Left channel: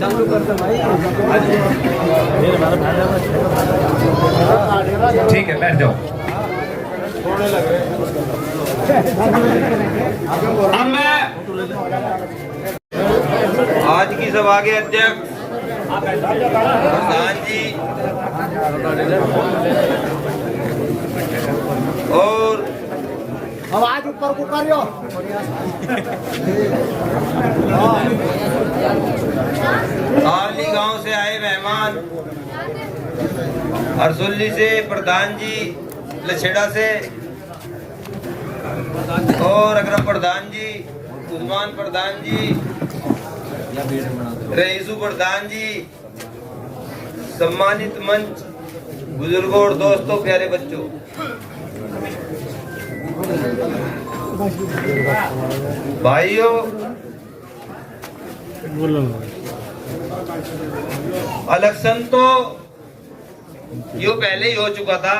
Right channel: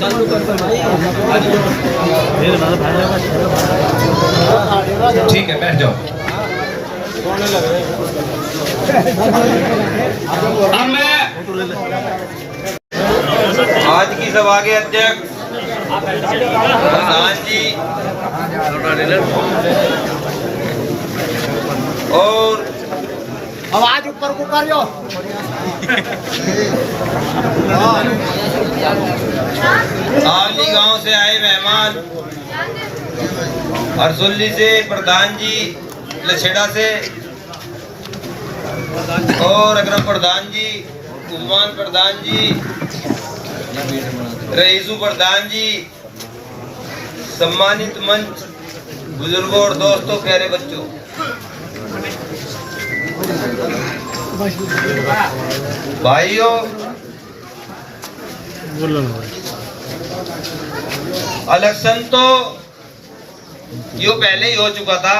चालू करते भाई। ठीक है, बैठ जाओ। अब मैं आज की सभा के अध्यक्ष प्रधान जी और आवाज ऊपर को करियो। आवली गांव से आए मेहमान, हरसोली से प्रधान जी, लछेड़ा से और अग्रम प्रधान जी, उस्मान प्रधान जी, रईसू प्रधान जी, सम्मानित मंच, बुजुर्गों और दोस्तों, प्यारे बच्चों, भाइयों, इलेक्शन तो यो पहले ही हो चुका था,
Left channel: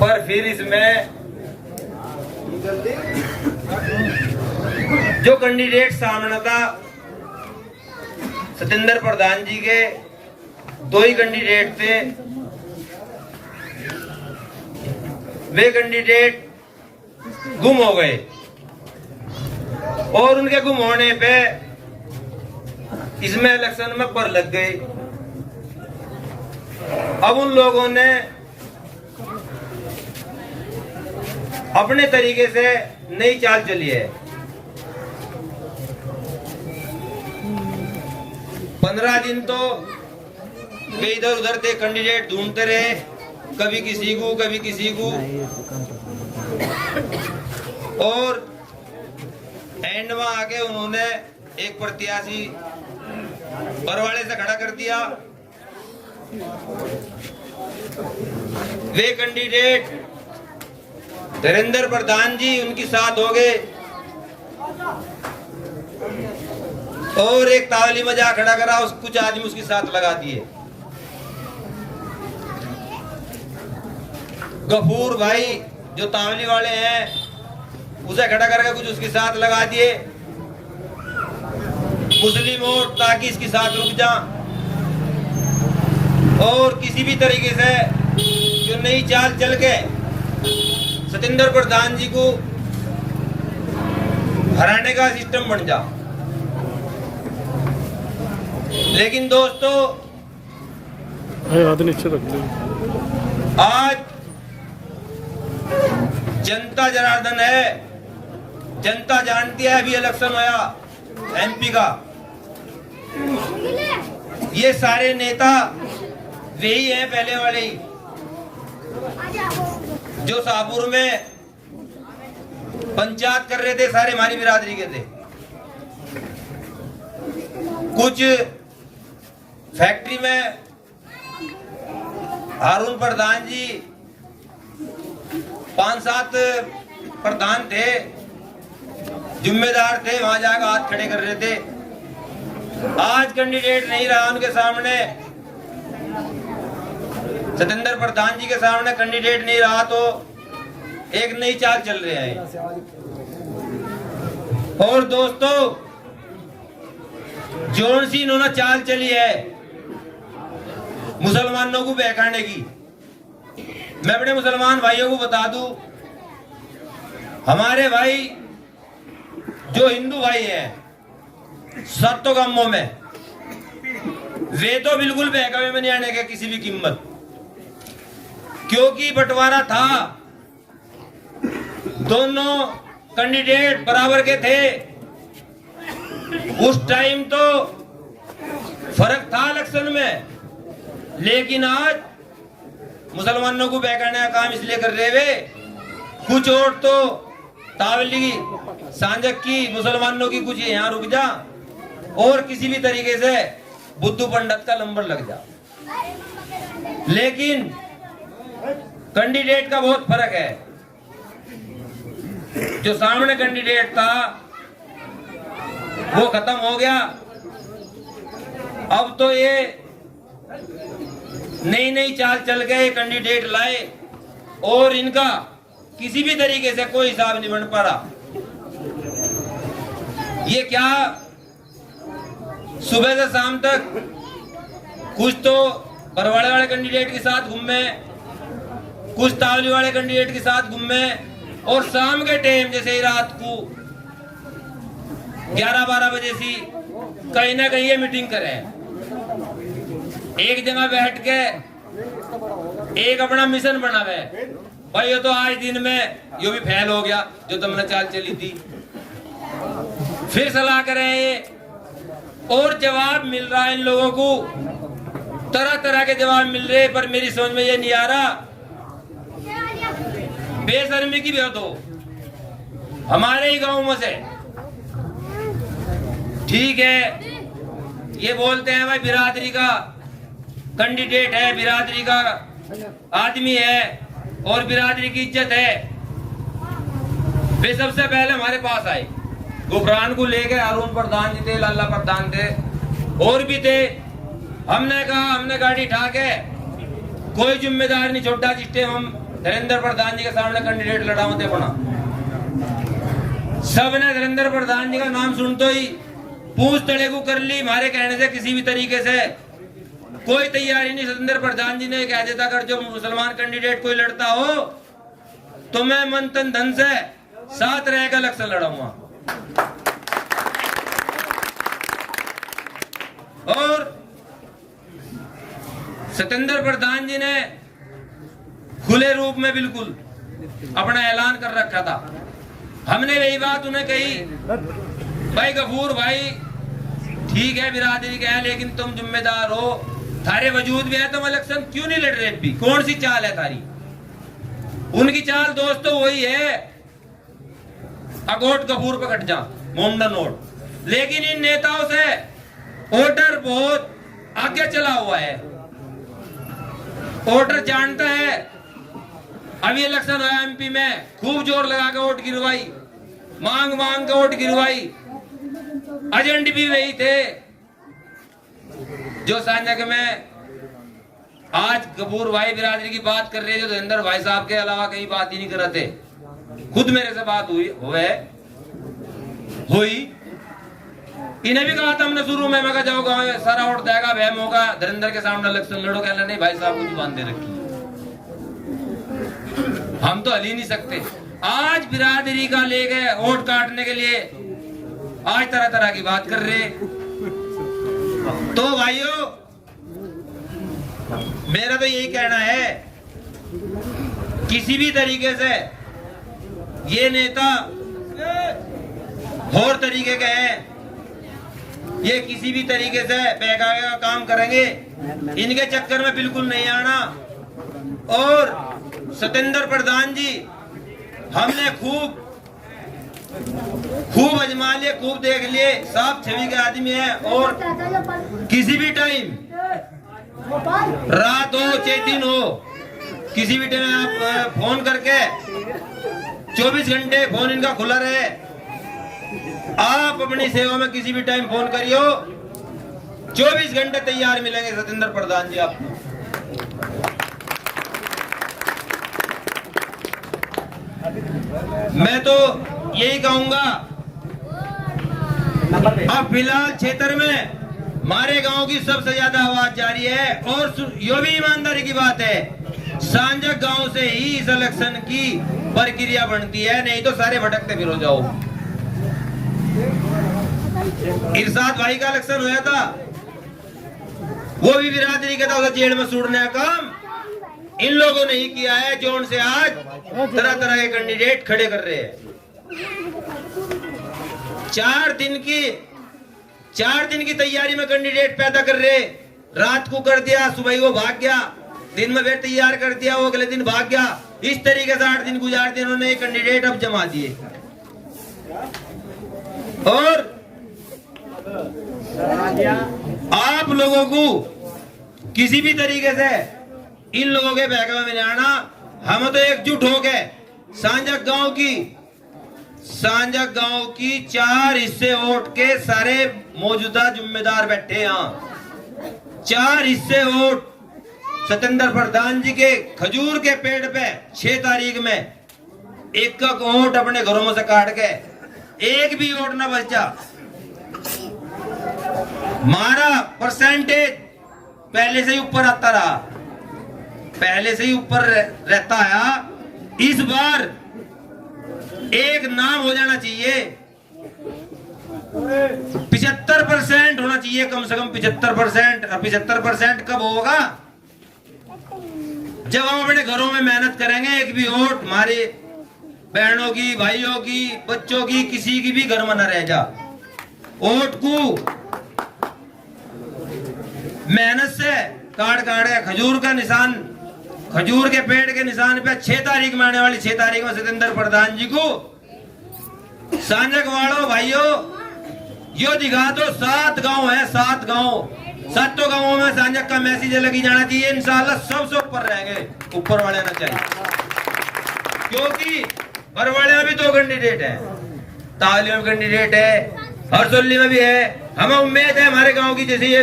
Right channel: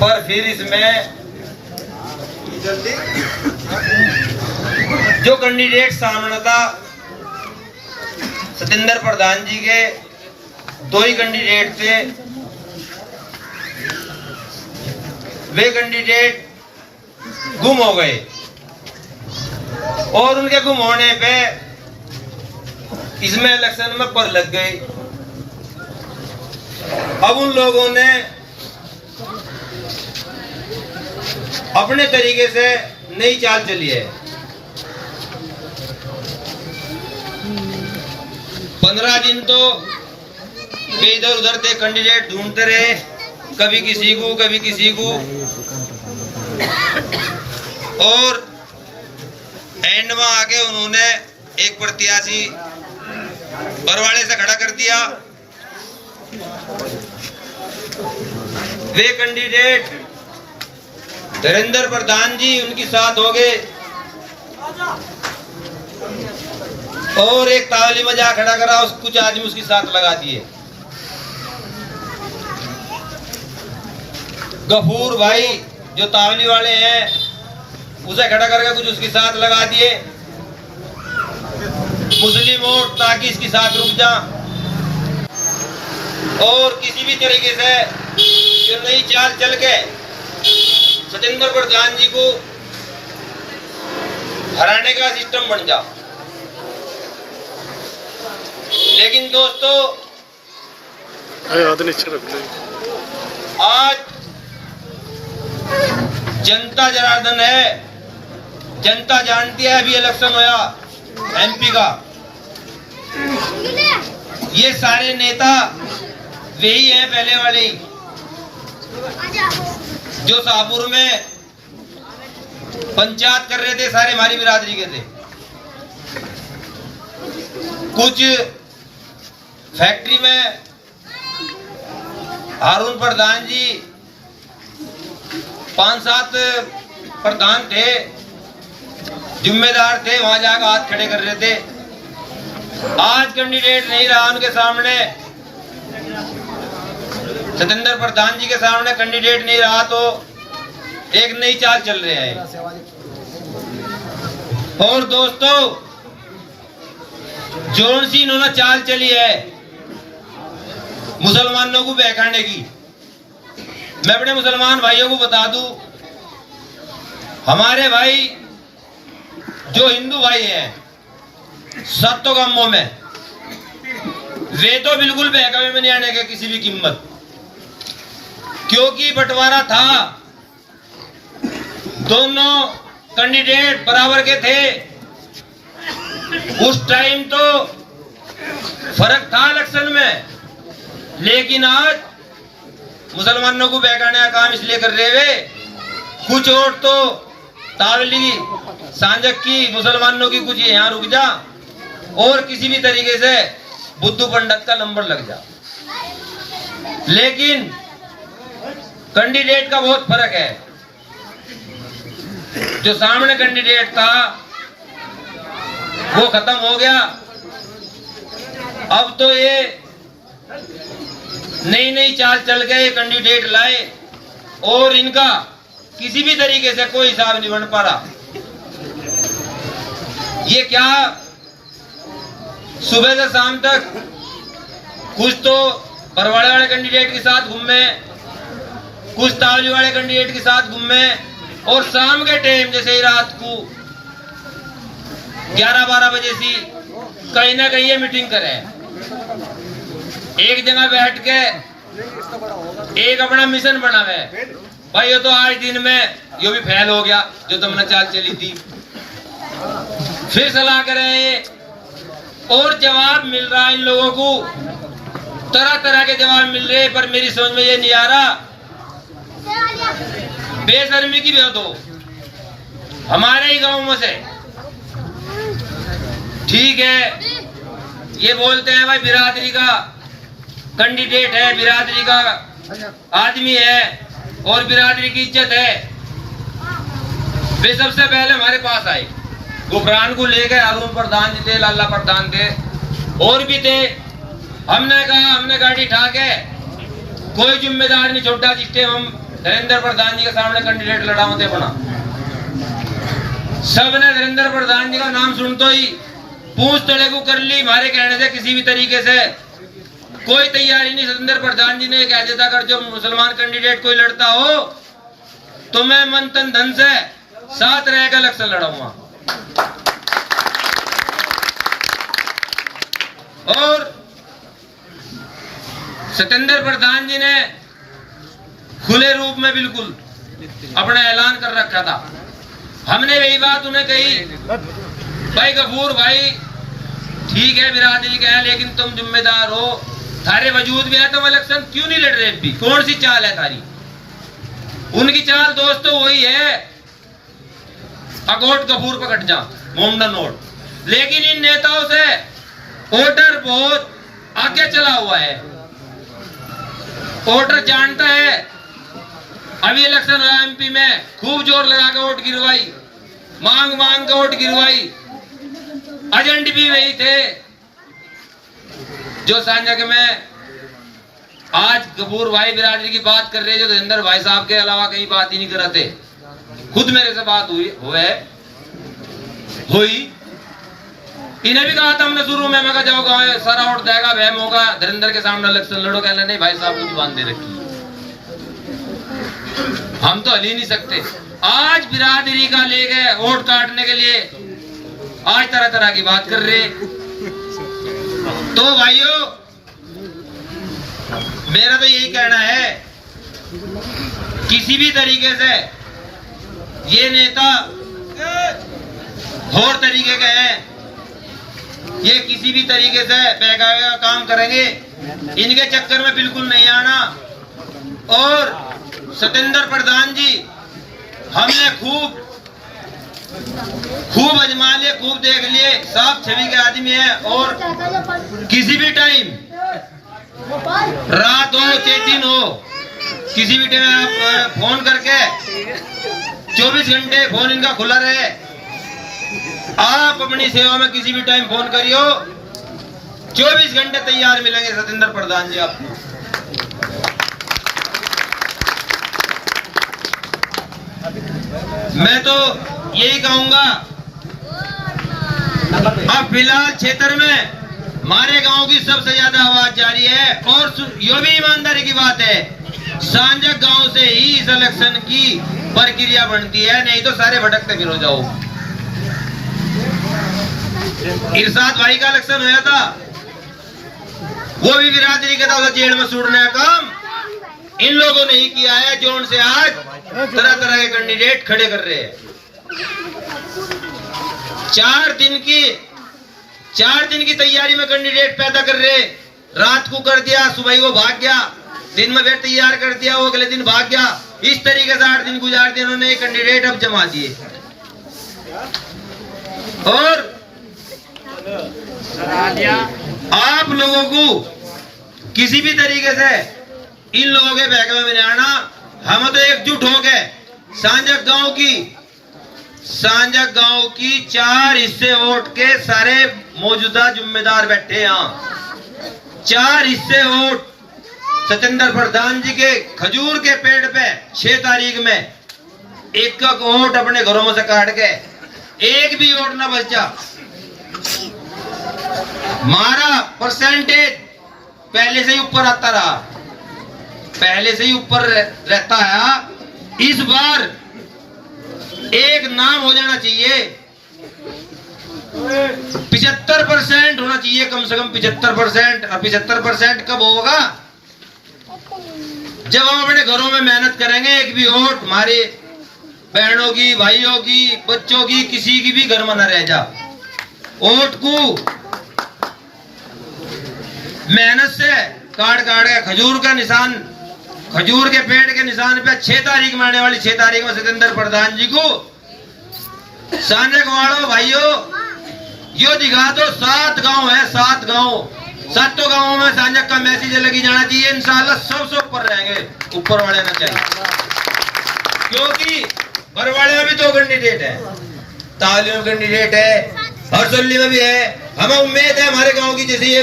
पर फिर इसमें जो कैंडिडेट सामने था सतेंद्र प्रधान जी के, दो ही कैंडिडेट थे। वे कैंडिडेट गुम हो गए और उनके गुम होने पे इसमें इलेक्शन में पर लग गई। अब उन लोगों ने अपने तरीके से नई चाल चली है। 15 दिन तो वे इधर उधर के कैंडिडेट ढूंढते रहे, कभी किसी को कभी किसी को, और एंड में आके उन्होंने एक प्रत्याशी बरवाड़े से खड़ा कर दिया। वे कैंडिडेट धीरेन्द्र प्रधान जी उनके साथ हो गए और एक तावली में जा खड़ा करा, उस कुछ आदमी उसके साथ लगा दिए। गफूर भाई जो तावली वाले हैं उसे खड़ा करके कुछ उसके साथ लगा दिए। मुस्लिम वोट ताकि इसके साथ रुक जा, और किसी भी तरीके से जो नई चाल चल के सतेंद्र प्रधान जी को हराने का सिस्टम बन जा। लेकिन दोस्तों आज जनता जनार्दन है, जनता जानती है। अभी इलेक्शन होया एमपी का, ये सारे नेता वही हैं पहले वाले ही, जो शाहपुर में पंचायत कर रहे थे, सारे हमारी बिरादरी के थे। कुछ फैक्ट्री में हारून प्रधान जी 5-7 प्रधान थे, जिम्मेदार थे, वहां जाकर हाथ खड़े कर रहे थे। आज कैंडिडेट नहीं रहा उनके सामने, सतेंद्र प्रधान जी के सामने कैंडिडेट नहीं रहा, तो एक नई चाल चल रही है। और दोस्तों जोन सी इन्होंने चाल चली है मुसलमानों को बहकाने की। मैं अपने मुसलमान भाइयों को बता दूं, हमारे भाई जो हिंदू भाई हैं 7 गांवों में, वे तो बिल्कुल बहकावे में नहीं आने के किसी भी कीमत, क्योंकि बंटवारा था, दोनों कैंडिडेट बराबर के थे। उस टाइम तो फर्क था इलेक्शन में, लेकिन आज मुसलमानों को बहकाने का काम इसलिए कर रहे वे, कुछ वोट तो तावली सांजक की, मुसलमानों की कुछ यहाँ रुक जा, और किसी भी तरीके से बुद्धू पंडित का नंबर लग जा। लेकिन कैंडिडेट का बहुत फर्क है। जो सामने कैंडिडेट था वो खत्म हो गया। अब तो ये नई नई चाल चल के ये कैंडिडेट लाए और इनका किसी भी तरीके से कोई हिसाब नहीं बन पा रहा। ये क्या सुबह से शाम तक कुछ तो बरवाड़े वाले कैंडिडेट के साथ घूमे, कुछ तावली वाले कैंडिडेट के साथ घूमे, और शाम के टाइम जैसे ही रात को 11-12 बजे से कहीं ना कहीं ये मीटिंग करे, एक जगह बैठ के एक अपना मिशन बनावे। भाई ये तो आज दिन में यो भी फेल हो गया जो तुमने चाल चली थी, फिर सलाह करें और जवाब मिल रहा है इन लोगों को, तरह तरह के जवाब मिल रहे, पर मेरी समझ में ये नहीं आ रहा। बेशर्मी की बात हो हमारे ही गांव में से, ठीक है ये बोलते हैं भाई बिरादरी का कैंडिडेट है, बिरादरी का आदमी है और बिरादरी की इज्जत है। वे सबसे पहले हमारे पास आए, गुफरान को ले गए, अरुण प्रधान जी थे, लाला प्रधान थे और भी थे। हमने कहा हमने गाड़ी उठा के कोई जिम्मेदार नहीं छोटा, जिससे हम धीरेन्द्र प्रधान जी के सामने कैंडिडेट लड़ावते बना। सबने धीरेन्द्र प्रधान जी का नाम सुनते ही पूछ तड़े को कर ली। हमारे कहने से किसी भी तरीके से कोई तैयारी नहीं। सतेंद्र प्रधान जी ने कह देता अगर जो मुसलमान कैंडिडेट कोई लड़ता हो तो मैं मन तन धन से साथ रहेगा इलेक्शन लड़ाऊंगा। और सतेंद्र प्रधान जी ने खुले रूप में बिल्कुल अपना ऐलान कर रखा था। हमने यही बात उन्हें कही, भाई गफूर भाई ठीक है बिरादरी का है, लेकिन तुम जिम्मेदार हो, थारे वजूद भी है, तुम इलेक्शन क्यों नहीं लड़ रहे? भी कौन सी चाल है थारी? उनकी चाल दोस्तों वही है, अगोट गफूर पकड़ जा मोमडा नोट। लेकिन इन नेताओं से वोटर बहुत आगे चला हुआ है। वोटर जानता है, अभी इलेक्शन हुआ एमपी में, खूब जोर लगा के वोट गिरवाई, मांग मांग के वोट गिरवाई। एजेंट भी वही थे जो सांझा में आज गफूर भाई बिरादरी की बात कर रहे, जो धीरेन्द्र भाई साहब के अलावा कहीं बात ही नहीं कर रहे थे। खुद मेरे से बात हुई। इन्हें भी कहा था हमने शुरू में, मैं कहा जाओ गाँव सारा वोट देगा, वह मौका धीरेन्द्र के सामने इलेक्शन लड़ो। कहने नहीं भाई साहब कुछ बांध दे रखी, हम तो हल ही नहीं सकते। आज बिरादरी का ले गए वोट काटने के लिए, आज तरह तरह की बात कर रहे। तो भाइयों मेरा तो यही कहना है, किसी भी तरीके से ये नेता और तरीके के हैं, ये किसी भी तरीके से बहकावे का काम करेंगे, इनके चक्कर में बिल्कुल नहीं आना। और सतेंद्र प्रधान जी हमने खूब अजमा लिए, खूब देख लिए, साफ छवि के आदमी है। और किसी भी टाइम, रात हो चाहे दिन हो, किसी भी टाइम आप फोन करके 24 घंटे फोन इनका खुला रहे। आप अपनी सेवा में किसी भी टाइम फोन करियो, 24 घंटे तैयार मिलेंगे सतेंद्र प्रधान जी आपको। मैं तो यही कहूंगा, अब फिलहाल क्षेत्र में हमारे गांव की सबसे ज्यादा आवाज जारी है। और यो भी ईमानदारी की बात है, सांझक गांव से ही इस इलेक्शन की प्रक्रिया बनती है, नहीं तो सारे भटकते फिर हो जाओ। इरशाद भाई का इलेक्शन हुआ था, वो भी बिरादरी के तरफ जेल में सूड़ने का काम इन लोगों ने ही किया है, जो उनसे आज तरह तरह के कैंडिडेट खड़े कर रहे हैं। 4 दिन की तैयारी में कैंडिडेट पैदा कर रहे। रात को कर दिया, सुबह वो भाग गया, दिन में फिर तैयार कर दिया, वो अगले दिन भाग गया। इस तरीके से 8 दिन गुजार दिए उन्होंने कैंडिडेट अब जमा दिए। और आप लोगों को किसी भी तरीके से इन लोगों के बहकावे में नहीं आना। हम तो एकजुट हो गए सांझक गांव की सांजक गांव की 4 हिस्से वोट के सारे मौजूदा जिम्मेदार बैठे हैं यहाँ। 4 हिस्से वोट सतेंद्र प्रधान जी के खजूर के पेड़ पे 6 तारीख में एक वोट अपने घरों में से काट के एक भी वोट ना बचा। हमारा परसेंटेज पहले से ही ऊपर आता रहा, पहले से ही ऊपर रहता है। इस बार एक नाम हो जाना चाहिए, 75% होना चाहिए, कम से कम 75%। और 75% कब होगा? जब हम अपने घरों में मेहनत करेंगे। एक भी वोट हमारे बहनों की, भाइयों की, बच्चों की, किसी की भी घर में न रह जा। वोट को मेहनत से काट काट के खजूर का निशान, खजूर के पेड़ के निशान पे 6 तारीख में आने वाली 6 तारीख में सतेंद्र प्रधान जी को सांजक वालों भाइयों यो दिखा दो। 7 गांव है, 7 गांव, 7 गांवों में सांजक का मैसेज लगी जाना चाहिए। इंशाल्लाह सबसे ऊपर रहेंगे, ऊपर वाले ना चाहिए, क्योंकि बरवाड़े में भी 2 कैंडिडेट है, ताली में कैंडिडेट है, हरसोली में भी है। हमें उम्मीद है हमारे गांव की, जैसे ये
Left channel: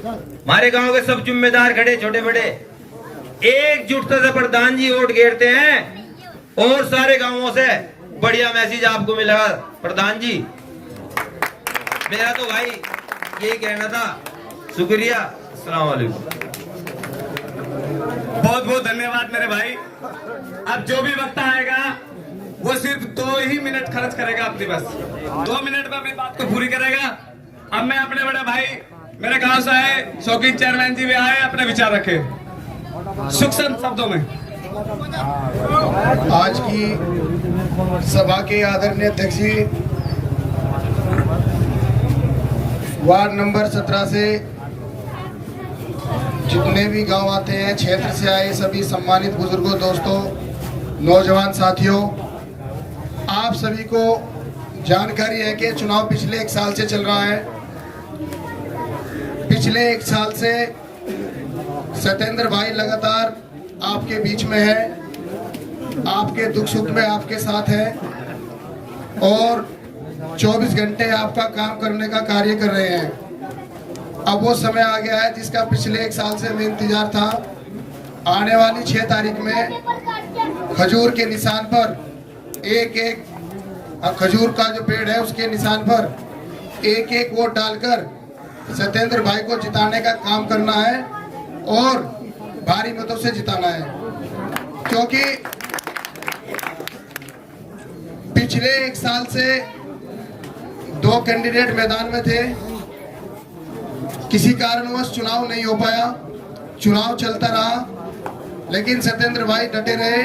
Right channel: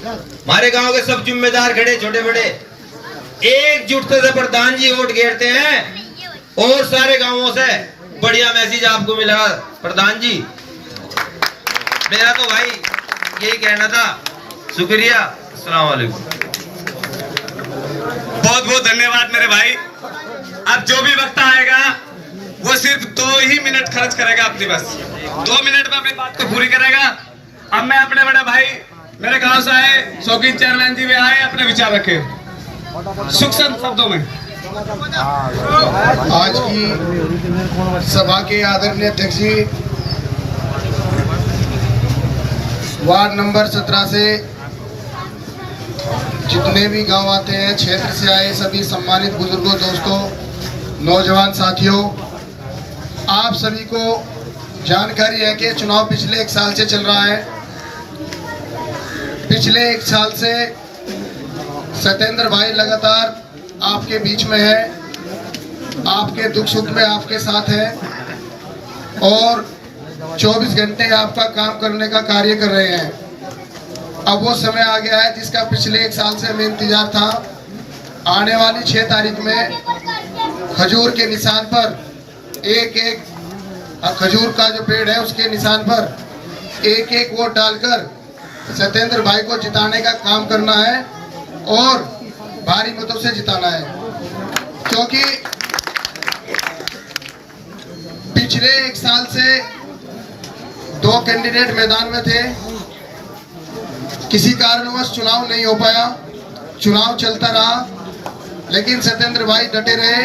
हमारे गांव के सब जिम्मेदार खड़े छोटे बड़े एकजुटता से प्रधान जी वोट घेरते हैं और सारे गांवों से बढ़िया मैसेज आपको मिलेगा। प्रधान जी मेरा तो भाई यही कहना था, शुक्रिया, अस्सलाम वालेकुम। बहुत बहुत धन्यवाद मेरे भाई। अब जो भी वक्त आएगा वो सिर्फ 2 ही मिनट खर्च करेगा अपनी, बस 2 मिनट में अपनी बात को पूरी करेगा। अब मैं अपने बड़े भाई मेरे गांव से आए शौकीन चेयरमैन जी भी आए, अपने विचार रखे सूक्ष्म शब्दों में। आज की सभा के आदरणीय अध्यक्ष जी, वार्ड नंबर 17 से जितने भी गांव आते हैं, क्षेत्र से आए सभी सम्मानित बुजुर्गों, दोस्तों, नौजवान साथियों, आप सभी को जानकारी है कि चुनाव पिछले 1 साल से चल रहा है। पिछले 1 साल से सतेंद्र भाई लगातार आपके बीच में है, आपके दुख सुख में आपके साथ है और 24 घंटे आपका काम करने का कार्य कर रहे हैं। अब वो समय आ गया है जिसका पिछले 1 साल से हमें इंतजार था। आने वाली 6 तारीख में खजूर के निशान पर एक खजूर का जो पेड़ है उसके निशान पर एक वोट डालकर सतेंद्र भाई को जिताने का काम करना है और भारी मतों से जिताना है, क्योंकि पिछले 1 साल से 2 कैंडिडेट मैदान में थे, किसी कारणवश चुनाव नहीं हो पाया, चुनाव चलता रहा, लेकिन सतेंद्र भाई डटे रहे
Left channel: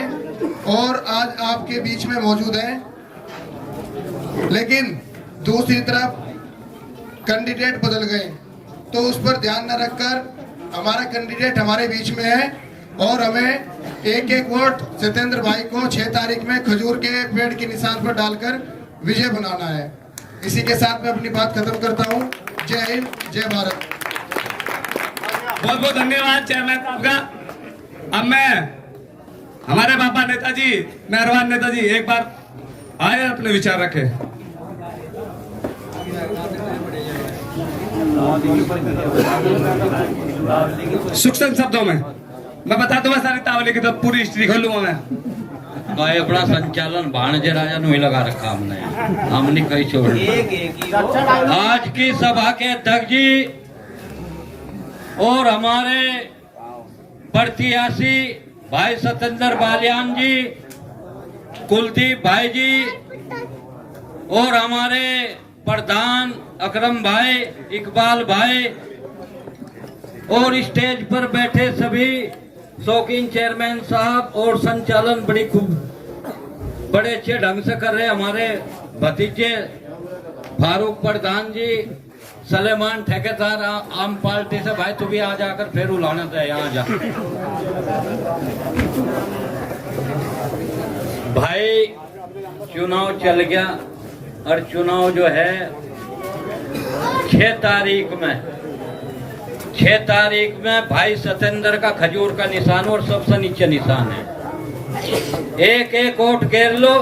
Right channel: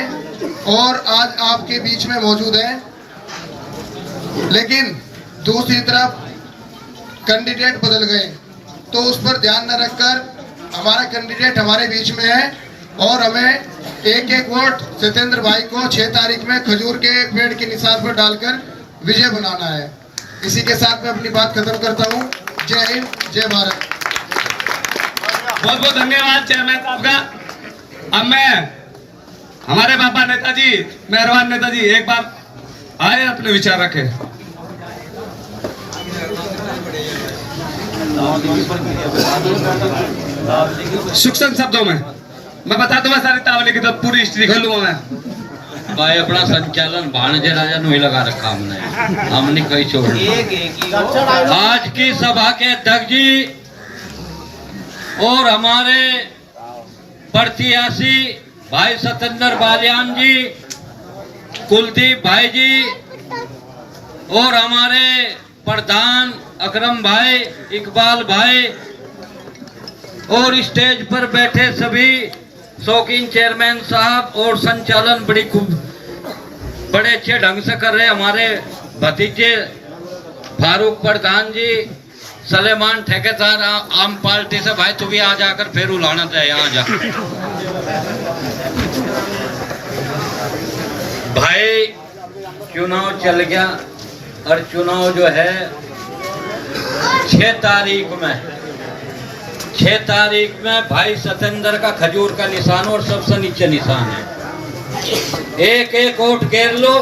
और आज आपके बीच में मौजूद हैं। लेकिन दूसरी तरफ कैंडिडेट बदल गए, तो उस पर ध्यान न रखकर हमारा कैंडिडेट हमारे बीच में है और हमें एक वोट सतेंद्र भाई को 6 तारीख में खजूर के पेड़ के निशान पर डालकर विजय बनाना है। इसी के साथ मैं अपनी बात खत्म करता हूँ। जय हिंद, जय भारत। बहुत बहुत धन्यवाद चेयरमैन साहब का। अब मैं हमारे बाबा नेताजी, मेहरबान नेताजी, एक बार आए अपने विचार रखे। सूक्ष्म शब्दों में मैं बता दूंगा सारी तावली की, तो पूरी हिस्ट्री खोल लूंगा मैं। भाई अपना संचालन भाणजे राजा ने लगा रखा हमने कहीं छोड़। आज की सभा के अध्यक्ष जी और हमारे प्रत्याशी भाई सतेंद्र बालियान जी, कुलदीप भाई जी और हमारे प्रधान अकरम भाई, इकबाल भाई और स्टेज पर बैठे सभी शौकीन चेयरमैन साहब और संचालन बड़े अच्छे ढंग से कर रहे हमारे भतीजे फारूक प्रधान जी, सलेमान ठेकेदार आम पार्टी से। भाई तू भी आ जाकर फिर उलाना चाहिए, यहाँ जा भाई। चुनाव चल गया और चुनाव जो है 6 तारीख में भाई सतेंद्र का खजूर का निशान और सबसे नीचे निशान है। एक वोट घेर लो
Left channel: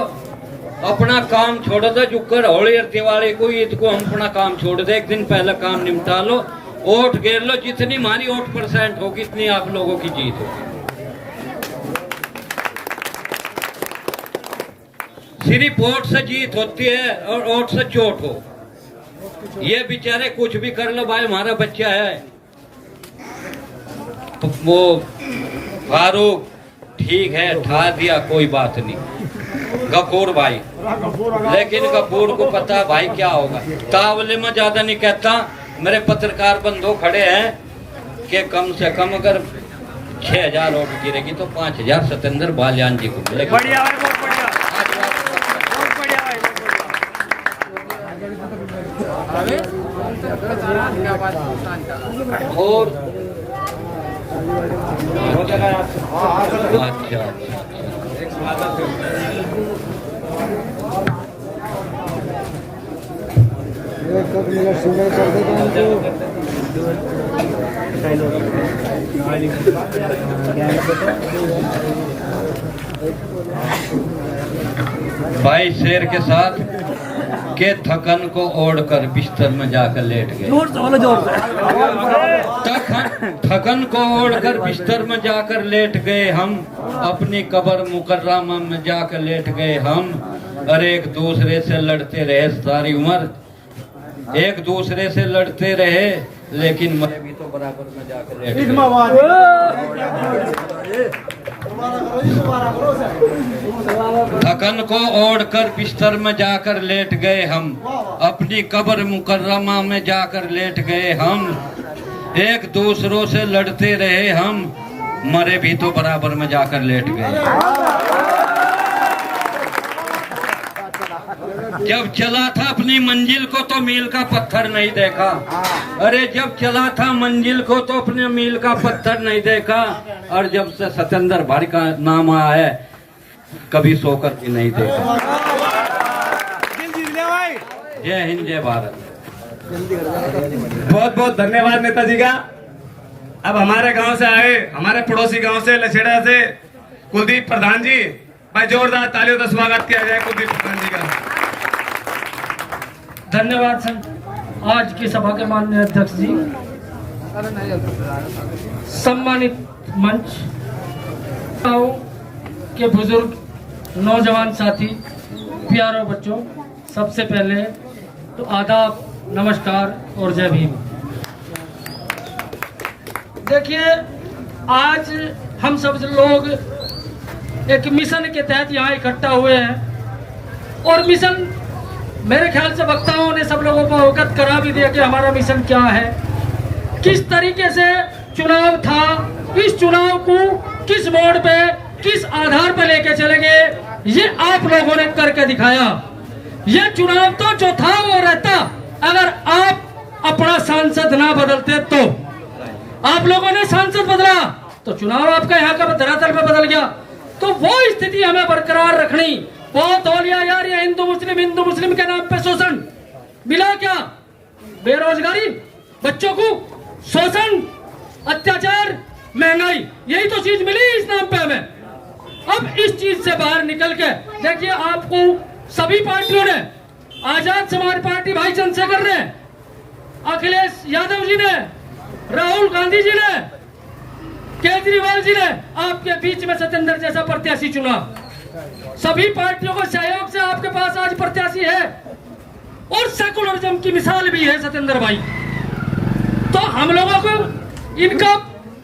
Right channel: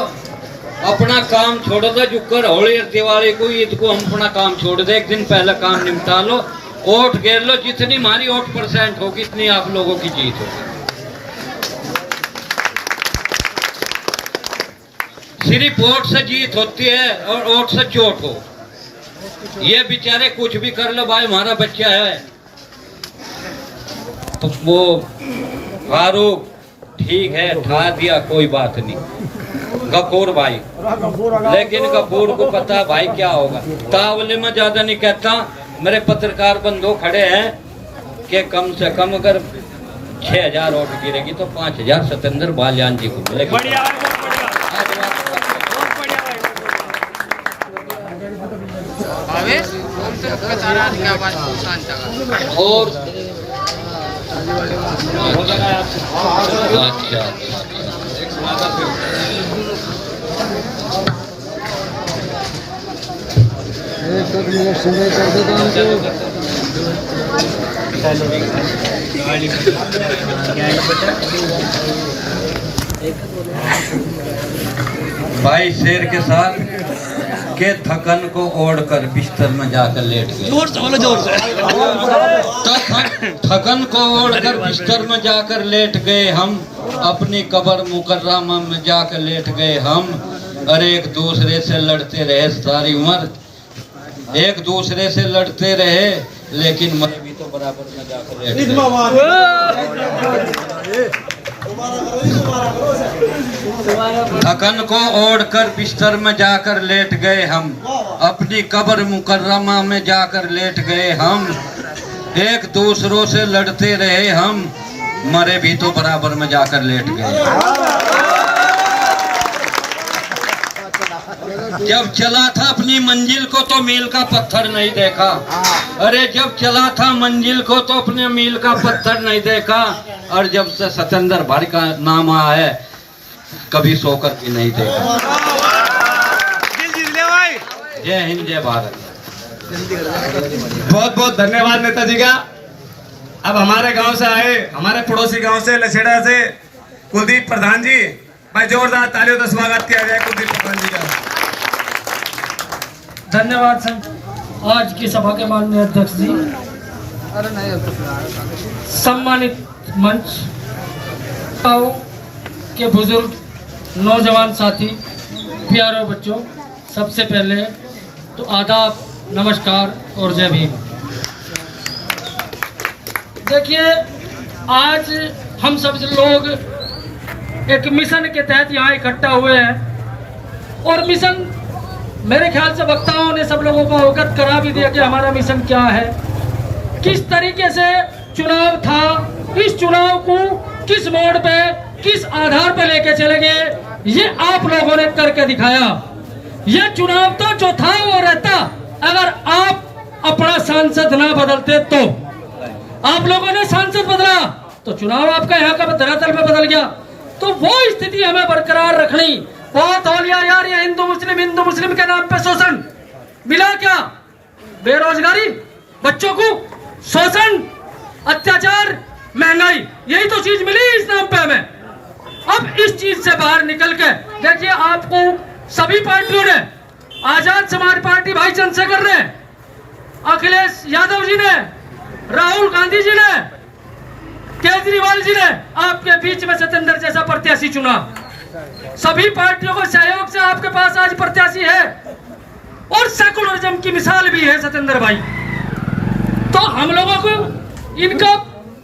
अपना काम छोड़ दो, जुकर होली और दिवाली को ईद को हम अपना काम छोड़ दे, एक दिन पहले काम निपटा लो, वोट घेर लो, जितनी हमारी वोट % होगी इतनी आप लोगों की जीत होगी। सिर्फ वोट से जीत होती है और वोट से चोट हो। ये बेचारे कुछ भी कर लो भाई, हमारा बच्चा है तो वो फारूक ठीक है, ठा दिया कोई बात नहीं, गफूर भाई, लेकिन गफूर को पता है भाई क्या होगा। तावले में ज्यादा नहीं कहता, मेरे पत्रकार बंधु खड़े हैं कि कम से कम अगर 6000 वोट गिरेगी तो 5000 सतेंद्र बालियान जी को मिलेगी। और अच्छा भाई शेर के साथ के थकन को ओढ़कर बिस्तर में जाकर लेट गए। जोर से बोलो, जोर से। थकन को ओढ़कर बिस्तर में जाकर लेट गए हम, अपनी कब्र मुकर्रमा में जाकर लेट गए हम। अरे एक दूसरे से लड़ते रहे सारी उम्र, एक दूसरे से लड़ते रहे, लेकिन मरे भी तो बराबर में जाकर लेट गए। थकन को ओढ़कर बिस्तर में जाकर लेट गए हम, अपनी कब्र मुकर्रमा में जाकर लेट गए हम। एक दूसरों से लड़ते रहे हम, मरे भी तो बराबर में जाकर लेट गए। जब चला था अपनी मंजिल को तो मील का पत्थर नहीं देखा। अरे जब चला था मंजिल को तो अपने मील का पत्थर नहीं देखा, और जब से सतेंद्र भाई का नाम आया है कभी सोकर भी नहीं देखा। जय हिंद, जय भारत। बहुत बहुत धन्यवाद नेताजी का। अब हमारे गांव से आए, हमारे पड़ोसी गांव से लछेड़ा से कुलदीप प्रधान जी, भाई जोरदार तालियों से स्वागत किया जाए कुलदीप प्रधान जी का। धन्यवाद सर। आज की सभा के माननीय अध्यक्ष जी, सम्मानित मंच के बुजुर्ग, नौजवान साथी, प्यारे बच्चों, सबसे पहले तो आदाब, नमस्कार और जय भीम। देखिए, आज हम सब लोग एक मिशन के तहत यहाँ इकट्ठा हुए हैं, और मिशन मेरे ख्याल से वक्ताओं ने सब लोगों को अवगत करा भी दिया कि हमारा मिशन क्या है, किस तरीके से चुनाव था, इस चुनाव को किस मोड़ पे, किस आधार पे लेके चलेंगे, ये आप लोगों ने करके दिखाया। ये चुनाव तो जो था वो रहता अगर आप अपना सांसद ना बदलते तो। आप लोगों ने सांसद बदला तो चुनाव आपका यहाँ का धरातल पे बदल गया। तो वो स्थिति हमें बरकरार रखनी। बहुत हो लिया यार, ये हिंदू मुस्लिम के नाम पे शोषण मिला क्या? बेरोजगारी, बच्चों को शोषण, अत्याचार, महंगाई, यही तो चीज मिली इस नाम पे हमें। अब इस चीज से बाहर निकल के देखिए, आपको सभी पार्टियों ने, आजाद समाज पार्टी भाई चंद्रशेखर ने, अखिलेश यादव जी ने, राहुल गांधी जी ने, केजरीवाल जी ने आपके बीच में सतेंद्र जैसा प्रत्याशी चुना। सभी पार्टियों के सहयोग से आपके पास आज प्रत्याशी है, और सेकुलरिज्म की मिसाल भी है सतेंद्र भाई। तो हम लोगों को इनका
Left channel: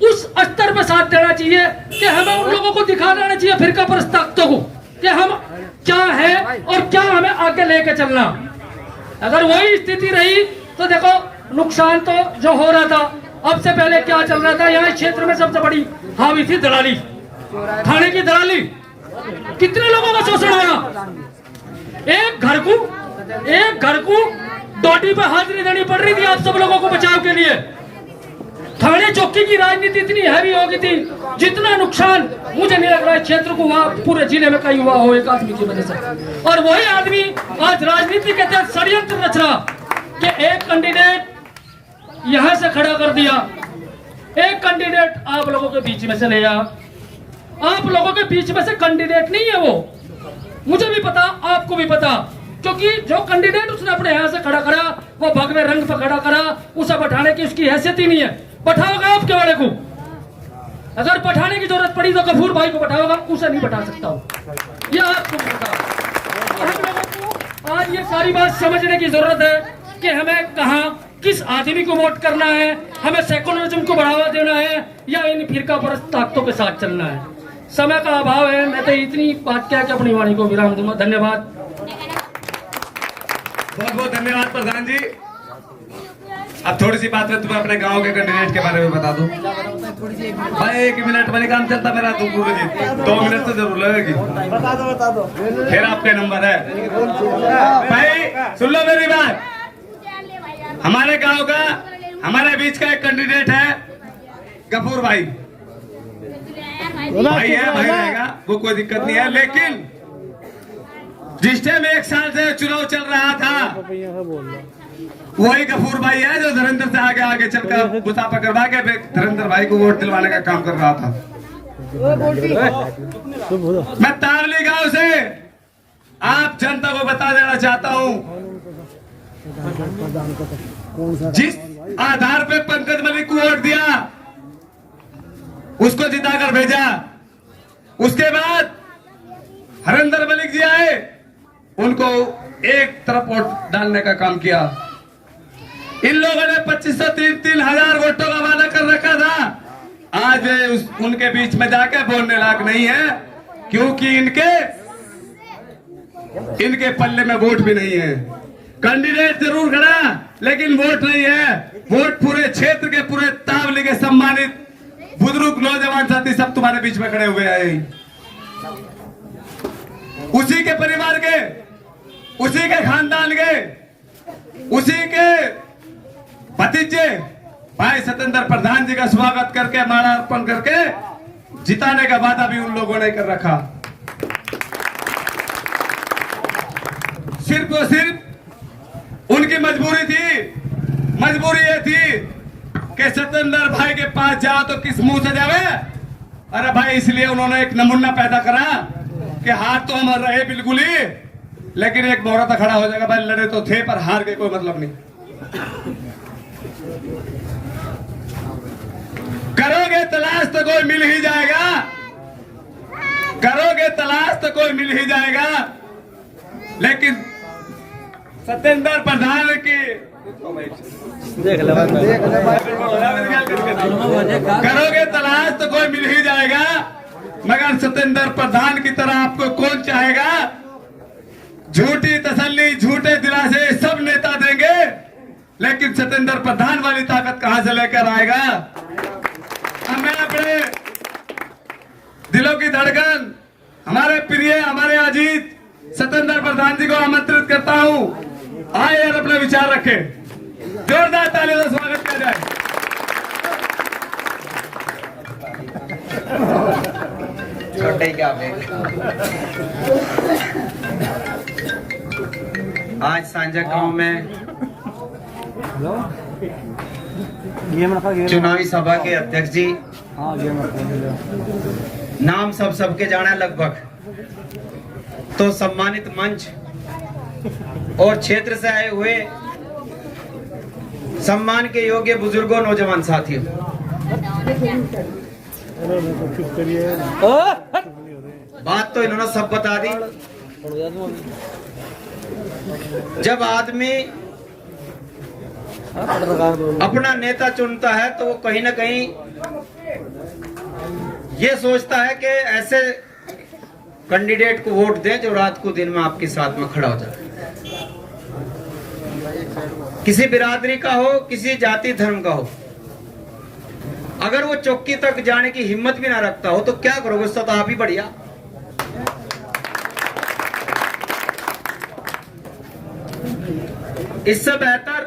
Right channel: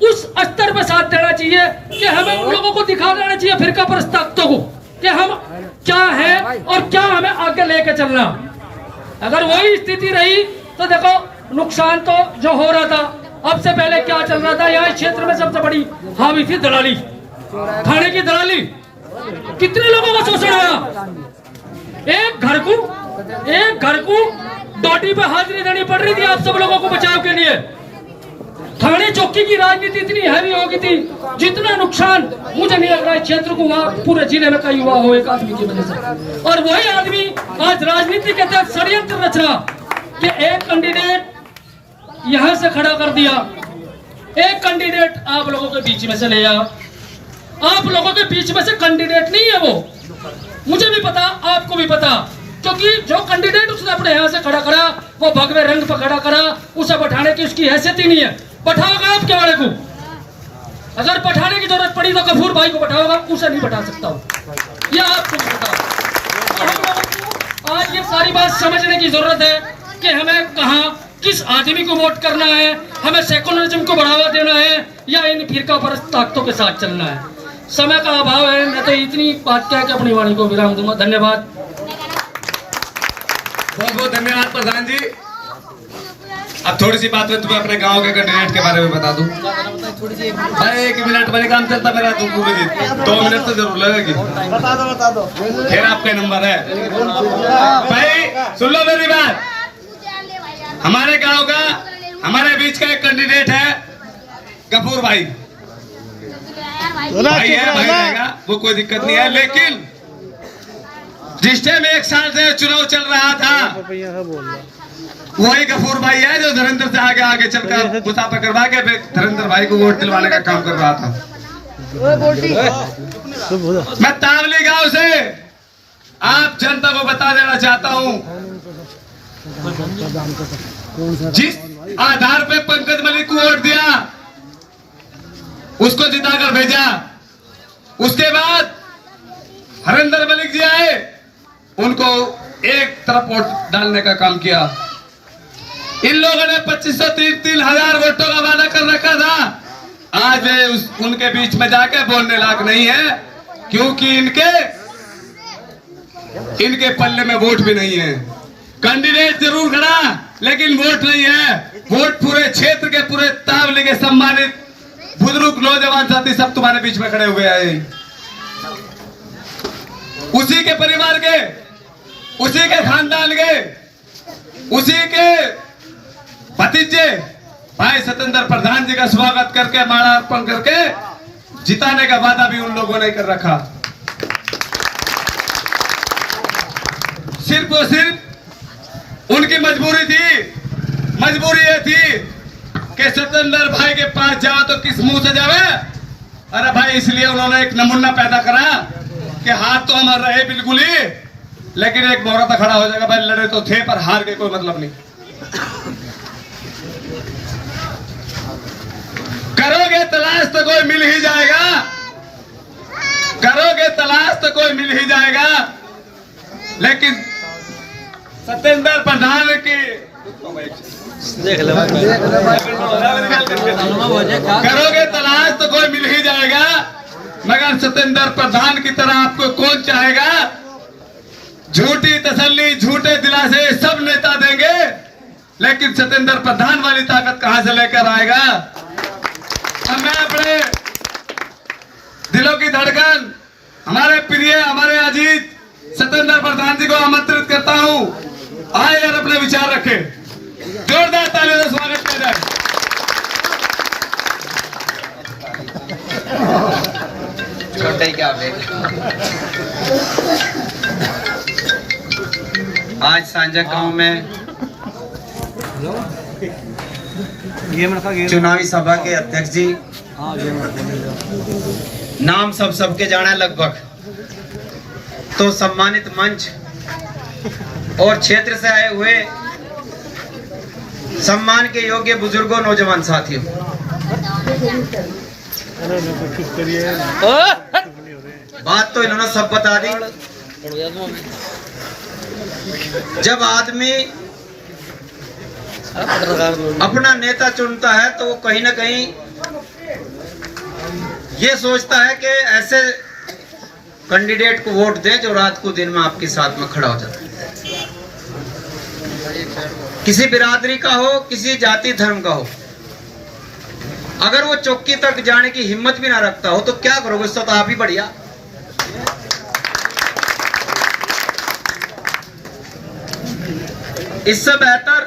उस स्तर पर साथ देना चाहिए कि हमें उन लोगों को दिखा देना चाहिए, फिरका परस्त ताकतों को, कि हम क्या है और क्या हमें आगे लेके चलना। अगर वही स्थिति रही तो देखो, नुकसान तो जो हो रहा था, अब से पहले क्या चल रहा था, यहाँ क्षेत्र में सबसे बड़ी हावी थी दलाली, खाने की दलाली। कितने लोगों का शोषण आया। एक घर को डॉटी पे हाजिरी देनी पड़ रही थी आप सब लोगों को बचाव के लिए। थाने चौकी की राजनीति इतनी हैवी हो गई थी, जितना नुकसान मुझे नहीं लग रहा है क्षेत्र को वहां पूरे जिले में कहीं हुआ हो एक आदमी की वजह से। और वही आदमी आज राजनीति के तहत षड्यंत्र रच रहा कि एक कैंडिडेट यहां से खड़ा कर दिया, एक कैंडिडेट आप लोगों के बीच में से ले आया। आप लोगों के बीच में से कैंडिडेट नहीं है वो, मुझे भी पता, आपको भी पता, क्योंकि जो कैंडिडेट उसने अपने यहाँ से खड़ा करा वो भगवे रंग पर खड़ा करा, उसे बैठाने की उसकी हैसियत ही नहीं है। बैठाओगा आपके वाले को, अगर बैठाने की जरूरत पड़ी तो गफूर भाई को बैठाओगा, उसे नहीं बैठा सकता हूँ, यह आपको भी पता। तो हम लोगों को आज ये सारी बात समझने की जरूरत है कि हमें कहाँ किस आदमी को वोट करना है, हमें सेकुलरिज्म को बढ़ावा देना है या इन फिरकापरस्त ताकतों के साथ चलना है। समय का अभाव है, मैं तो इतनी बात कह के अपनी वाणी को विराम दूंगा। धन्यवाद। बहुत बहुत धन्यवाद प्रधान जी। अब थोड़ी सी बात है, तुम्हें अपने गांव के कैंडिडेट के बारे में बता दूं। भाई 1 मिनट में काम चलता मेरा, तुम पूरी 2 मिनट तो जरूर लगेगी। बता दो फिर आपके नंबर है। भाई सुन लो मेरी बात, हमारे गांव का हमारे बीच का एक कैंडिडेट है गफूर भाई। भाई है, भाई रहेगा, वो कोई दिक्कत नहीं है। लेकिन जिस टाइम 1 साल से चुनाव चल रहा था वही गफूर भाई है जो धुरंधर से आगे आगे चलकर मुसाफा करवा के धुरंधर भाई को वोट दिलवाने का काम कर रहा था। मैं तावली गांव से आप जनता को बता देना चाहता हूं, जिस आधार पे पंकज मलिक को वोट दिया उसको जिताकर भेजा, उसके बाद हरिंदर मलिक जी आए, उनको एक तरफ वोट डालने का काम किया। इन लोगों ने 25,000 वोटों का वादा कर रखा था। आज वे उनके बीच में जाके बोलने लायक नहीं है, क्योंकि इनके पल्ले में वोट भी नहीं है। कैंडिडेट जरूर खड़ा, लेकिन वोट नहीं है। वोट पूरे क्षेत्र के, पूरे तावली के सम्मानित बुजुर्ग नौजवान साथी सब तुम्हारे बीच में खड़े हुए हैं। उसी के परिवार के, उसी के खानदान के, उसी के भतीजे भाई सतेंद्र प्रधान जी का स्वागत करके, माला अर्पण करके जिताने का वादा भी उन लोगों ने कर रखा। सिर्फ और सिर्फ उनकी मजबूरी थी। मजबूरी ये थी कि सतेंद्र भाई के पास जाओ तो किस मुंह से जावे। अरे भाई, इसलिए उन्होंने एक नमूना पैदा करा कि हाथ तो हमारे रहे बिल्कुल ही, लेकिन एक मोहरा खड़ा हो जाएगा। भाई लड़े तो थे पर हार के कोई मतलब नहीं। करोगे तलाश तो कोई मिल ही जाएगा, करोगे तलाश तो कोई मिल ही जाएगा। लेकिन सतेंद्र प्रधान की करोगे तलाश तो कोई मिल ही जाएगा, मगर सतेंद्र प्रधान की तरह आपको कौन चाहेगा। झूठी तसल्ली, झूठे दिलासे सब नेता देंगे, लेकिन सतेंद्र प्रधान वाली ताकत कहां से लेकर आएगा। मैं अपने दिलों की धड़कन, हमारे प्रिय, हमारे अजीत सतेंद्र प्रधान जी को आमंत्रित करता हूं, आए और अपने विचार रखें। जोरदार तालियों से स्वागत किया जाए। छोटे ही क्या आज सांझा गांव में चुनावी सभा के अध्यक्ष जी, नाम सबके जाना लगभग, तो सम्मानित मंच और क्षेत्र से आए हुए सम्मान के योग्य बुजुर्गों, नौजवान साथियों, बात तो इन्होंने सब बता दी। जब आदमी अपना नेता चुनता है तो वो कहीं ना कहीं ये सोचता है कि ऐसे कैंडिडेट को वोट दें जो रात को दिन में आपके साथ में खड़ा हो जाता है। किसी बिरादरी का हो, किसी जाति धर्म का हो, अगर वो चौकी तक जाने की हिम्मत भी ना रखता हो तो क्या करोगे, उससे तो आप ही बढ़िया। इससे बेहतर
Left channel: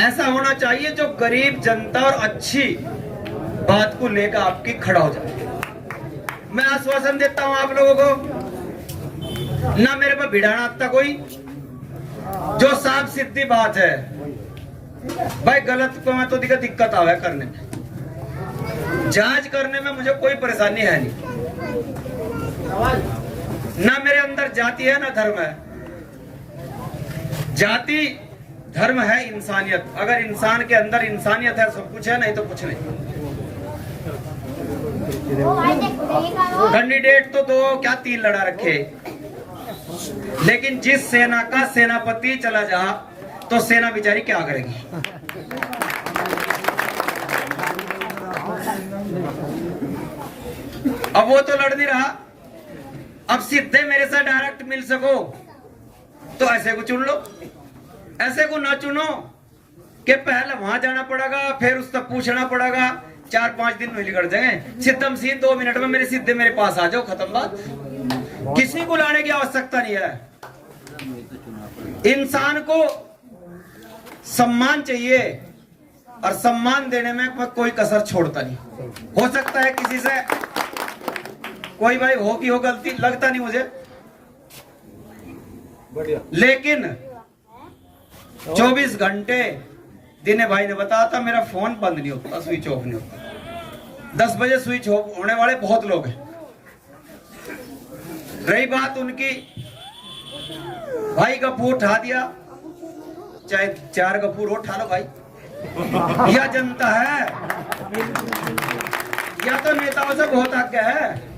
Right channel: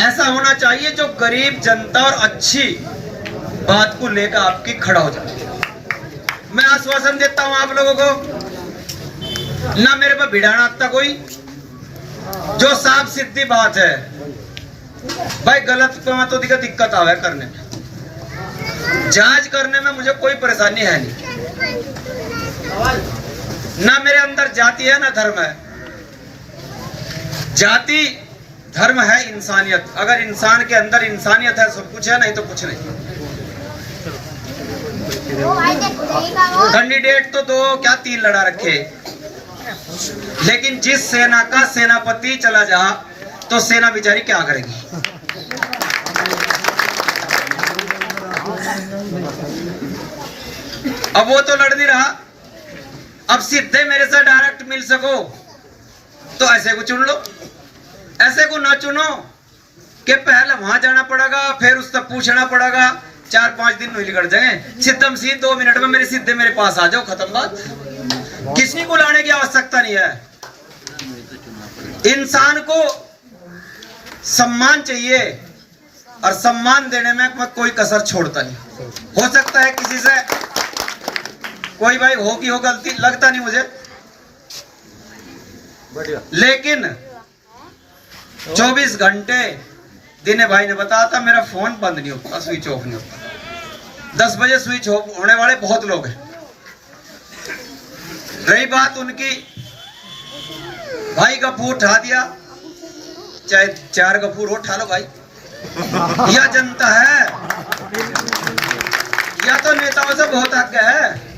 ऐसा होना चाहिए जो गरीब जनता और अच्छी बात को लेकर आपकी खड़ा हो जाए। मैं आश्वासन देता हूं आप लोगों को, ना मेरे पर भिड़ाना आता कोई, जो साफ सीधी बात है भाई, गलत तो दिक्कत आवे करने में, जांच करने में मुझे कोई परेशानी है नहीं। ना मेरे अंदर जाति है ना धर्म है। जाति धर्म है इंसानियत। अगर इंसान के अंदर इंसानियत है सब कुछ है, नहीं तो कुछ नहीं। कैंडिडेट तो दो क्या तीन लड़ा रखे, लेकिन जिस सेना का सेनापति चला जा तो सेना बेचारी क्या करेगी। अब वो तो लड़ नहीं रहा, अब सीधे मेरे साथ डायरेक्ट मिल सको तो ऐसे को चुन लो, ऐसे को ना चुनो कि पहले वहां जाना पड़ेगा, फिर उससे पूछना पड़ेगा, 4-5 दिन नहीं कर जाएंगे। सिद्धम सीध 2 मिनट में मेरे सीधे मेरे पास आ जाओ, खत्म बात। किसी को लाने की आवश्यकता नहीं है। इंसान को सम्मान चाहिए और सम्मान देने में कोई कसर छोड़ता नहीं। हो सकता है किसी से कोई भाई हो की हो गलती, लगता नहीं मुझे, लेकिन 24 घंटे दिने भाई ने बताया था मेरा फोन बंद नहीं होता, स्विच ऑफ नहीं होता। 10 बजे स्विच ऑफ होने वाले बहुत लोग हैं। रही बात उनकी, भाई गफूर उठा दिया, चाहे 4 गफूर उठा लो भाई, यह जनता है, यह तो नेताओं से बहुत आगे है।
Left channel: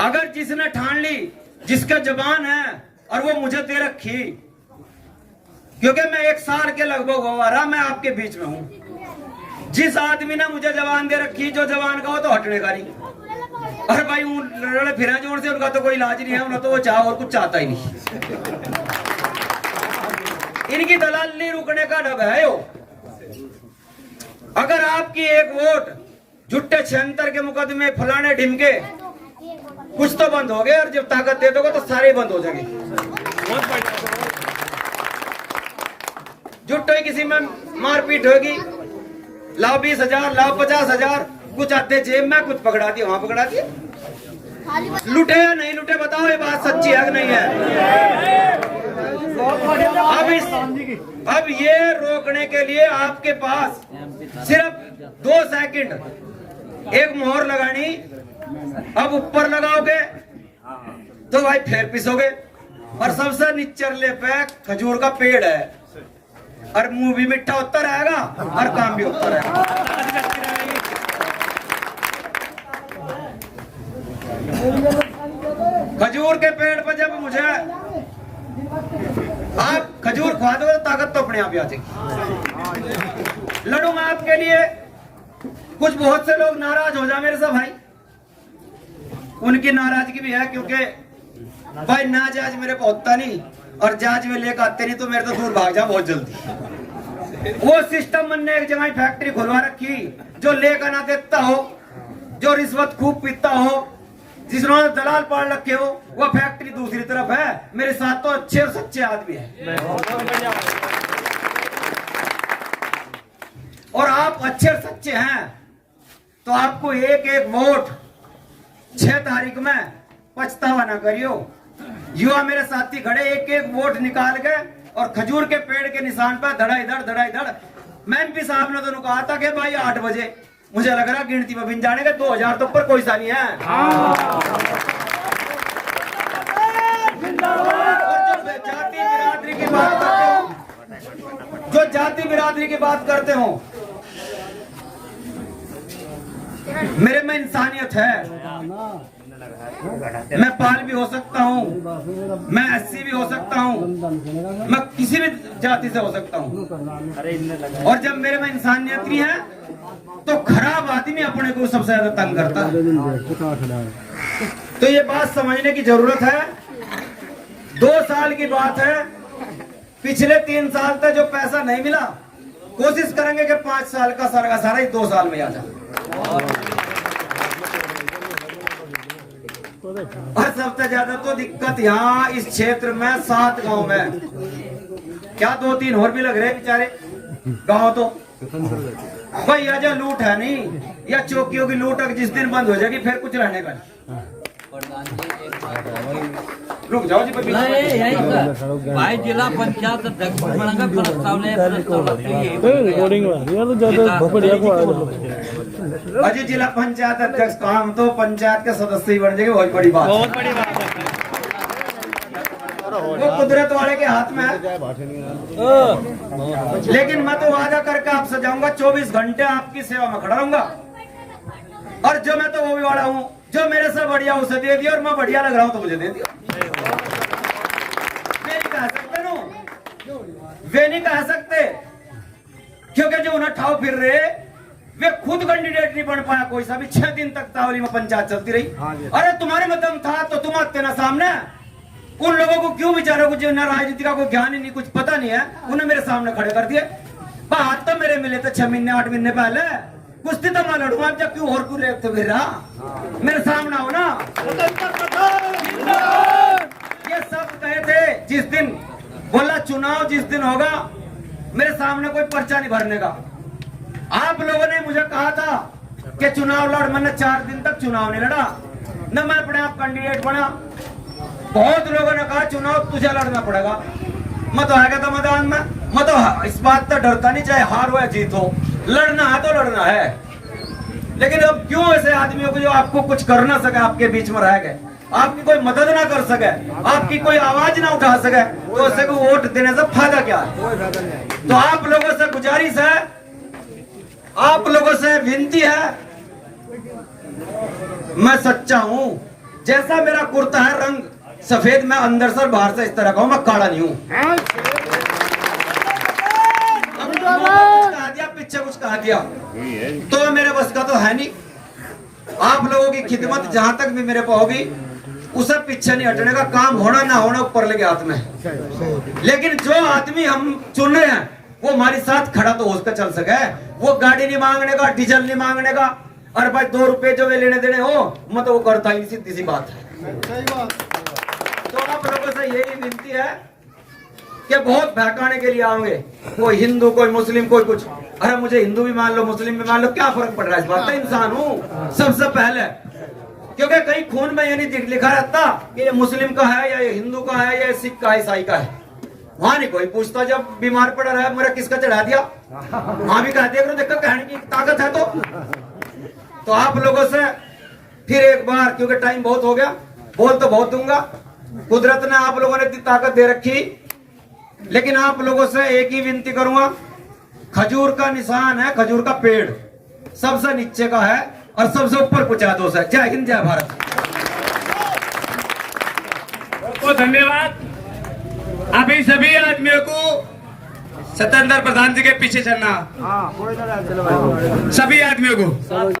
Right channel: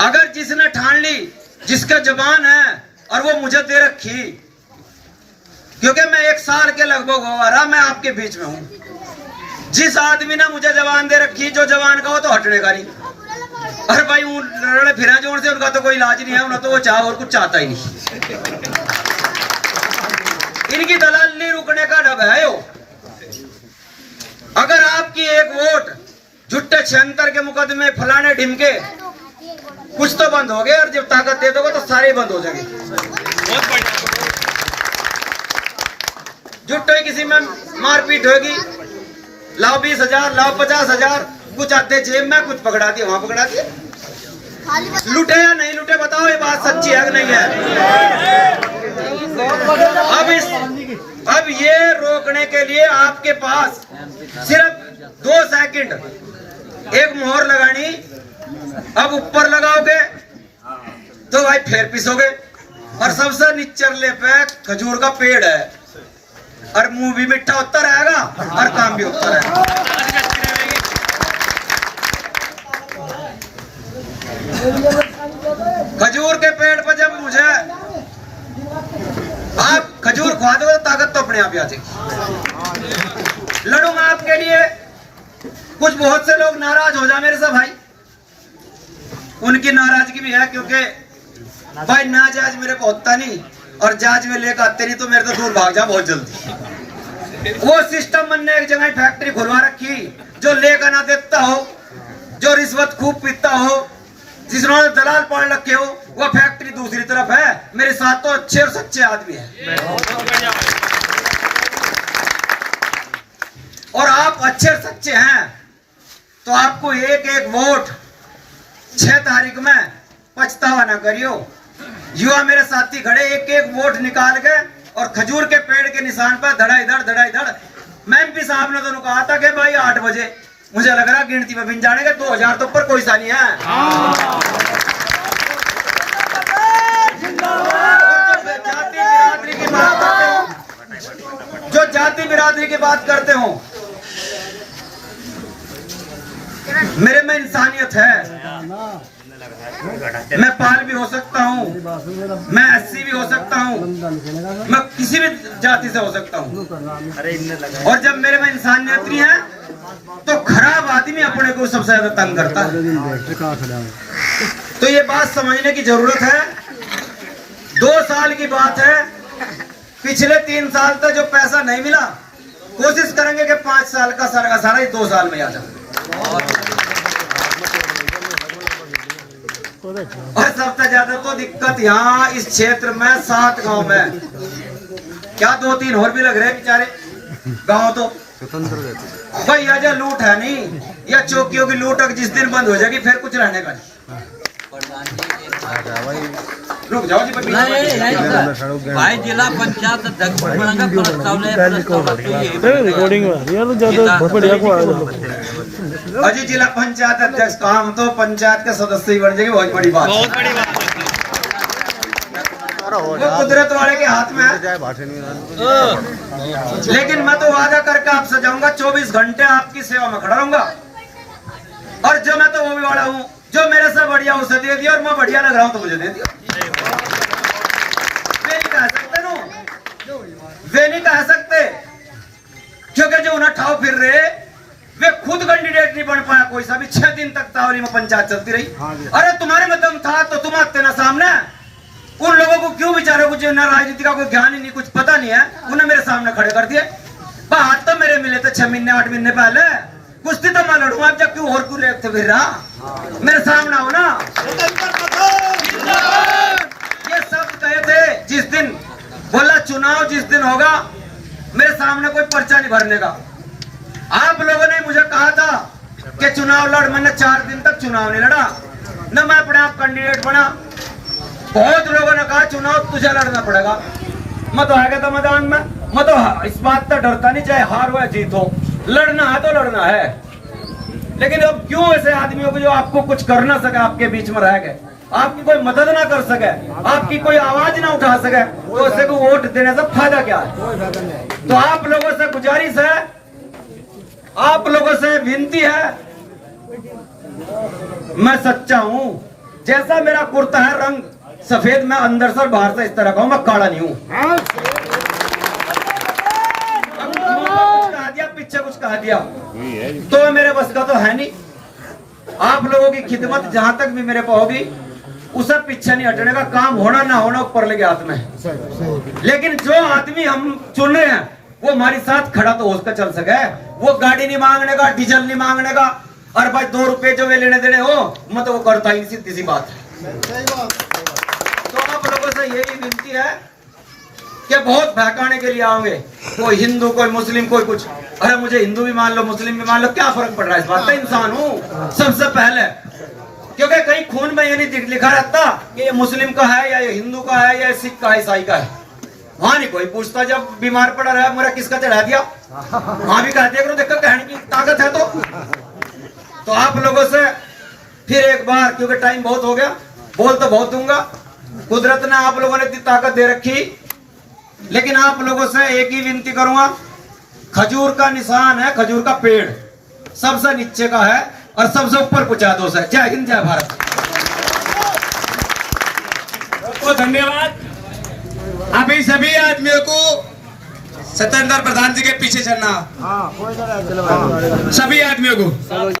अगर जिसने ठान ली, जिसका जबान है और वो मुझे दे रखी, क्योंकि मैं 1 साल के लगभग हो रहा मैं आपके बीच में हूं। जिस आदमी ने मुझे जबान दे रखी, जो जबान का हो तो हटने का नहीं। अरे भाई लड़े फिरे जोर से उनका तो कोई इलाज नहीं है, उन्हें तो वो चाह और कुछ चाहता ही नहीं। इनकी दलाली रुकने का डब है यो। अगर आपकी एक वोट झुट्टे 76 के मुकदमे फलाने ढिमके कुछ तो बंद हो गए, और जब ताकत दे दोगे तो सारे बंद हो जाएंगे। झुट्टे किसी में मारपीट होगी, लाओ 20,000 लाओ 50,000, कुछ आते जेब में, कुछ पकड़ा दिए वहां पकड़ा दिए। लुटे या नहीं लुटे बताओ, ये बात सच्ची है कि नहीं है। अब ये रोकने के लिए आपके पास सिर्फ 2 सेकंड एक मोहर लगानी। अब ऊपर लगाओगे तो भाई फिर पिसोगे, और सबसे निचले पे खजूर का पेड़ है, और मुंह भी मीठा होता रहेगा और काम भी होता रहेगा। खजूर के पेड़ पर जब मुझे आप खजूर खवा दो तो ताकत तो अपने आप ही आ जाएगी। लड़ूंगा आपके लिए। कुछ बहुत से लोग नाराज हो जाए मेरे से भाई, उनकी नाराजगी भी है, क्योंकि भाई ना जाज मेरे को होता नहीं, और जाज में लेकर आते नहीं तो मेरे तो दूर भाग जा बहुत जल्दी। वो सिस्टम मन ने एक जगह फैक्ट्री खुलवा रखी, जो लेकर ना देता हो, जो रिश्वत खूब पीता हो, जिसने दलाल पाल रखे हो, वो फैक्ट्री दूसरी तरफ है। मेरे साथ तो अच्छे और सच्चे आदमी है, और आप अच्छे और सच्चे हैं तो आपको एक एक वोट 6 तारीख में पछतावा ना करियो। युवा मेरे साथी खड़े, एक एक वोट निकाल के और खजूर के पेड़ के निशान पर धड़ा इधर। मैं एमपी साहब ने तो कहा था कि भाई 8 बजे, मुझे लग रहा गिनती में बिन जाने के 2000 तो ऊपर कोई सा नहीं है। जो जाति बिरादरी की बात करते हो, मेरे में इंसानियत है। मैं पाल भी हो सकता हूँ, मैं एससी भी हो सकता हूँ, मैं किसी भी जाति से हो सकता हूँ, और जब मेरे में इंसानियत नहीं है तो खराब आदमी अपने को सबसे ज्यादा तंग करता है। तो ये बात समझने की जरूरत है। 2 साल की बात है, पिछले 3 साल तक जो पैसा नहीं मिला, कोशिश करेंगे कि 5 साल का सारा ही 2 साल में आ जाए। और सबसे ज्यादा तो दिक्कत यहाँ इस क्षेत्र में 7 गांव में, क्या 2-3 और भी लग रहे बेचारे गांव। तो भाई यह लूट है नहीं, या चौकियों की लूट जिस दिन बंद हो जाएगी फिर कुछ रहने का नहीं। रुक जाओ जी बीच में। भाई जिला पंचायत अध्यक्ष बनने का प्रस्ताव रिकॉर्डिंग में आ रही है तो ज्यादा बढ़िया को आ अजी जिला पंचायत अध्यक्ष का हम तो पंचायत के सदस्य ही बन जाएंगे, बहुत बड़ी बात वो कुदरत वाले के हाथ में है। लेकिन मैं तो वादा करके आपसे जाऊंगा 24 घंटे आपकी सेवा में खड़ा रहूंगा। और जो मैं तो वो भी वाला हूँ, जो मेरे से बढ़िया उसे दे दिया और मैं बढ़िया लग रहा हूँ तो मुझे दे दिया। वे नहीं कह सकते नो, वे नहीं कह सकते, क्योंकि जो उन्हें ठाव फिर रहे वे खुद कैंडिडेट नहीं बन पाया कोई सा भी। 6 दिन तक तावली में पंचायत चलती रही। अरे तुम्हारे में दम था तो तुम आते ना सामने। उन लोगों को क्यों बेचारे को ना राजनीति का कोई ज्ञान ही नहीं, कुछ पता नहीं है, उन्हें मेरे सामने खड़े कर दिए। बात तो मेरे मिले थे 6 महीने 8 महीने पहले, कुश्ती तो मैं लड़ूंगा। अब जब क्यों और क्यों लेते फिर रहा, मेरे सामने आओ ना। ये सब कहे थे जिस दिन बोला चुनाव जिस दिन होगा मेरे सामने कोई पर्चा नहीं भरने का। आप लोगों ने मुझे कहा था कि चुनाव लड़, मैंने 4 दिन तक चुनाव नहीं लड़ा, न मैं अपने आप कैंडिडेट बना। बहुत लोगों ने कहा चुनाव तुझे लड़ना पड़ेगा। मैं तो आ गया था मैदान में। मैं तो इस बात से डरता नहीं, चाहे हार हो या जीत हो, लड़ना है तो लड़ना है। लेकिन अब क्यों ऐसे आदमियों को जो आपको कुछ कर ना सके, आपके बीच में रह गए, आपकी कोई मदद ना कर सके, आपकी कोई आवाज ना उठा सके, तो ऐसे को वोट देने से फायदा क्या है। तो आप लोगों से गुजारिश है, आप लोगों से विनती है, मैं सच्चा हूं। जैसा मेरा कुर्ता है रंग सफेद, मैं अंदर से और बाहर से इस तरह का हूं, मैं काला नहीं हूं। कुछ कहा दिया, पीछे कुछ कहा दिया तो मेरे बस का तो है नहीं। आप लोगों की खिदमत जहां तक भी मेरे को होगी उसे पीछे नहीं हटने का। काम होना ना होना ऊपर लगे हाथ में। लेकिन जो आदमी हम चुन रहे हैं वो हमारे साथ खड़ा तो उसका चल सके। वो गाड़ी नहीं मांगने का, डीजल नहीं मांगने का, और भाई 2 रुपए जो वे लेने देने हो मैं तो वो करता ही, सीधी सी बात है। तो आप लोगों से यही विनती है कि बहुत बहकाने के लिए आओगे, कोई हिंदू कोई मुस्लिम कोई कुछ। अरे मुझे हिंदू भी मान लो मुस्लिम भी मान लो, क्या फर्क पड़ रहा है इस बात का। इंसान हूँ सबसे पहले, क्योंकि कहीं खून में ये नहीं लिखा रहता कि ये मुस्लिम का है या ये हिंदू का है या सिख का है ईसाई का है। वहां नहीं कोई पूछता। जब बीमार पड़ा रहा मेरा किसका चढ़ा दिया, वहां भी कह दिया करो देखो कहने की ताकत है। तो आप लोगों से फिर एक बार, क्योंकि टाइम बहुत हो गया, बोल तो बहुत दूंगा, कुदरत ने आप लोगों ने इतनी ताकत दे रखी, लेकिन आप लोगों से एक ही विनती करूंगा। खजूर का निशान है, खजूर का पेड़ सबसे नीचे का है और सबसे ऊपर कुचादोस है। जय हिंद जय भारत। तो धन्यवाद। अभी सभी आदमियों को सत्येंद्र प्रधान जी के पीछे चलना, सभी आदमियों को।